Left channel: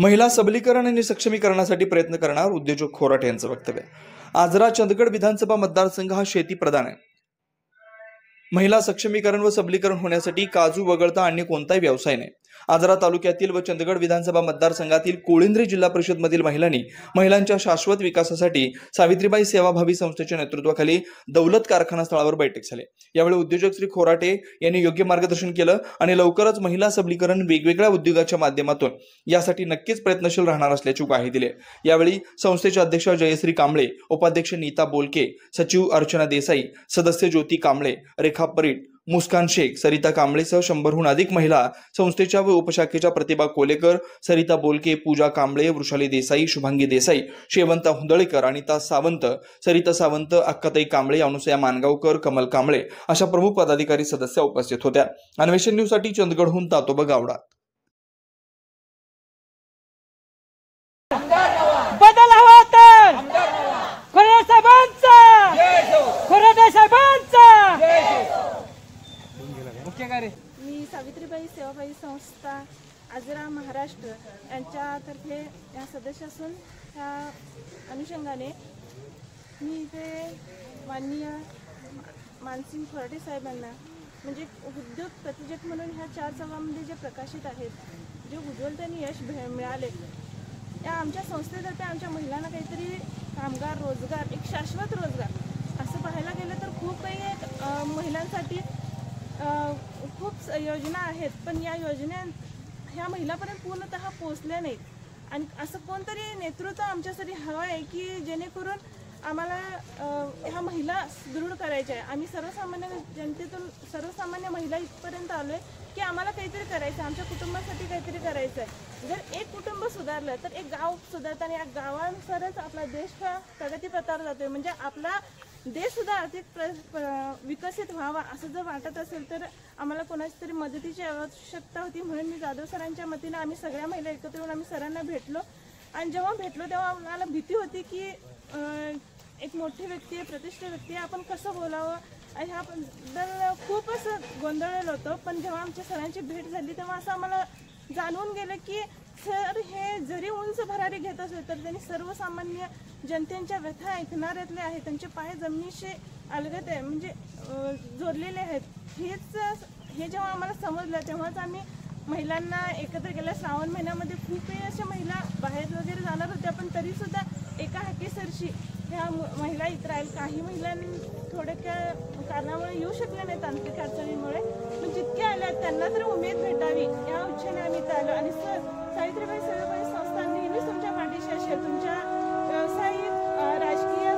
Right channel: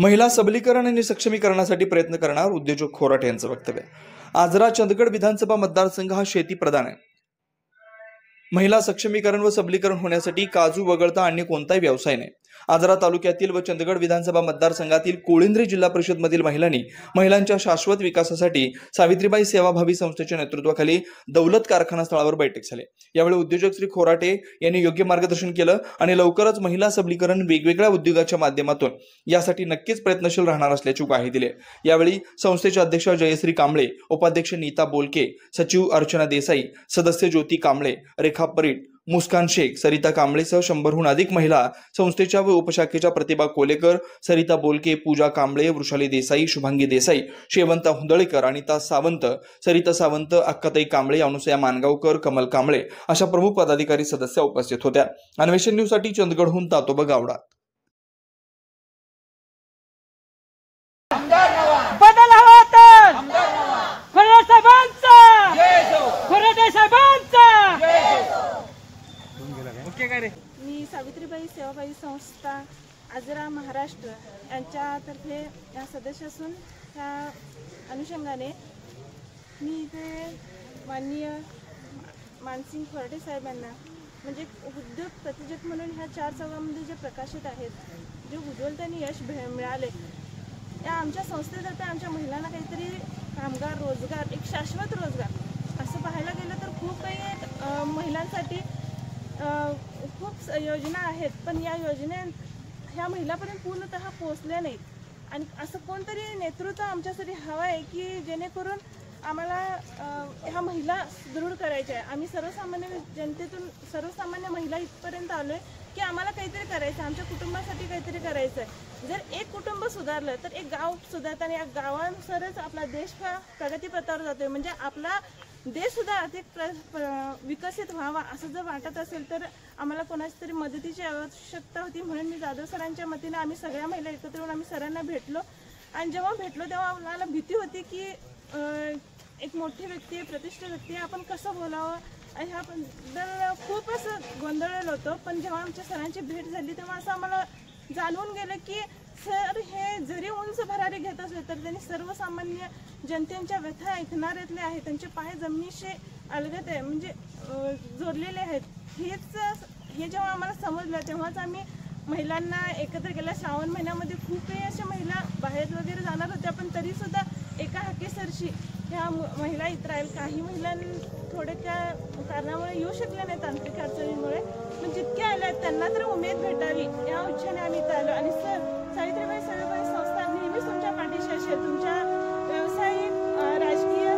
महिला सबलीकरण आणि सक्षमीकरणासाठी प्रयत्न करणार उद्योजक खोराटे यांचं वक्तव्य। आजरा चंदगड विधानसभा मतदारसंघ हा शेती प्रधान आहे। महिला सक्षमीकरण व सबलीकरण होण्यासाठी काजू वगळता अन्य कोणताही व्यवसाय नाही। आजरा तालुक्यातील व चंदगड विधानसभा मतदारसंघातील कोळिंद्रे जिल्हा परिषद मधील महिलांच्या शाश्वत विकासासाठी सावित्रीबाई सेवाभावी संस्थेच्या नेतृत्वाखाली दौलत कारखाना स्थळावर बैठक झाली। यावेळी उद्योजक श्री खोराटे यांनी योग्य मार्गदर्शन केलं आणि लवकरच महिला सबलीकरण वेगवेगळ्या उद्योगाच्या माध्यमातून यासाठी नक्कीच प्रयत्नशील राहणार असल्याची ग्वाही दिली। यावेळी संस्थेचे अध्यक्ष जयश्री कांबळे, उपाध्यक्ष नीता बोलके, सचिव अर्चना देसाई, सदस्य ज्योती कांबळे, रेखा परीट, मुस्कान शेख, सरिता कांबळेसह 100हून अधिक महिला, संस्थेच्या व उपशाखेच्या प्रतिभा कोलेकर, सरिता बोलके, पूजा कांबळे, वृषाली देसाई, शुभांगी देसाई, शेवंता हुंदळेकर, अनिता सावंत, सरिता सावंत, अक्काताई कांबळे, अनुसया मानगावकर, कमल कांबळे अशा प्रमुख पदाधिकारी सदस्य उपस्थित होत्या। अन्वेषण न्यूज साठी चंदगडहून तातोबा गावडा। बदल हवा तर खोराटे साहेबांचा मी सावित्रीबाई सेवाभावी संस्था आजरा महाराष्ट्र यांच्यातर्फे या सदस्य असून त्या अनुषंगाने मी इथे माननीय मानसिंग खोराटे साहेबांना म्हणजे उद्योग प्रतिजत म्हणून ह्या 4 चौघांमध्ये जे प्रकाशित आहेत, जे उज्ज्वल त्यांनी यश मिळाले, या आमच्या संस्थेतर्फे आमच्या महिलांना काहीतरी कामगार, रोजगार, एक शाश्वत रोजगार असं पाहायला गेलं तर खूप काही महिलांसाठी खूप योजना आहेत, पण या योजना ह्या महिलांपर्यंत पूर्णतः पोहोचल्या नाहीत। आणि असं कोणतरी नेतृत्व आमच्यासाठी हवं आहे की जेणेकरून आम्हाला ह्या महिला सुदृढ करायच्या आहे। आम्ही सर्वसामान्य जनतेतून सर्वसामान्य महिला इथपर्यंत आलोय की आम्हाला काहीतरी करायचं आहे, आमच्या कुटुंबासाठी काहीतरी करायचं आहे। जर एक कुटुंब सुधारलं तर एक गाव सुधारतं आणि या गावानुसारच आपला देश हा प्रगतीपथावर जातोय। म्हणजे आपला देश सुद्धा आर्थिक विकसित व्हावा असं जर वाटत असेल तर आम्हाला कोणाची तरी मदतीची आवश्यकता होती। म्हणून मी जाधव सरांच्या मतीने आम्ही सगळ्या महिला एकत्र येऊन आम्ही सरांना भेटलो आणि जेव्हा भेटलो तेव्हा आम्हाला भीती होती की एक मोठी व्यक्ती आहे, प्रतिष्ठित व्यक्ती आहे, आपण कसं बोलावं ह्याबद्दल खूप असं गोंधळलेलो होतो। पण जेव्हा आमच्या सरांची भेट झाली तेव्हा असं आम्हाला जाणवून गेलं की सर हे जरी उंच भरारी घेत असले तर त्यांनी सर्वसामान्य जनतेच्या व्यथा ऐकणाऱ्यातले आहेत, त्यांचे पाय जमिनीशी अलगद आहे म्हणजे जोडलेले आहेत। हे जेव्हा आम्हाला समजलं तेव्हाच आम्ही महिलांना एकत्र केलं। श्रावण महिन्यामध्ये खूपही अशा महिला बाहेर वगैरे जाणार होत्या, पण तरी सुद्धा एका हाकेसरशी ह्या महिला इथं राहील। काही महिला थोड्या कारणामुळे येऊ शकल्या नाही, तांत्रिक अडचणीमुळे, पण जितक्या आल्या त्यांना तर उमेद भेटावी या इच्छेने आम्ही इथं आलो। आणि सर सावित्रीबाई सेवाभावी संस्था नेहमीच तुमच्या पाठीशी असेल, तुमच्या व्यावसायिक, राजकीय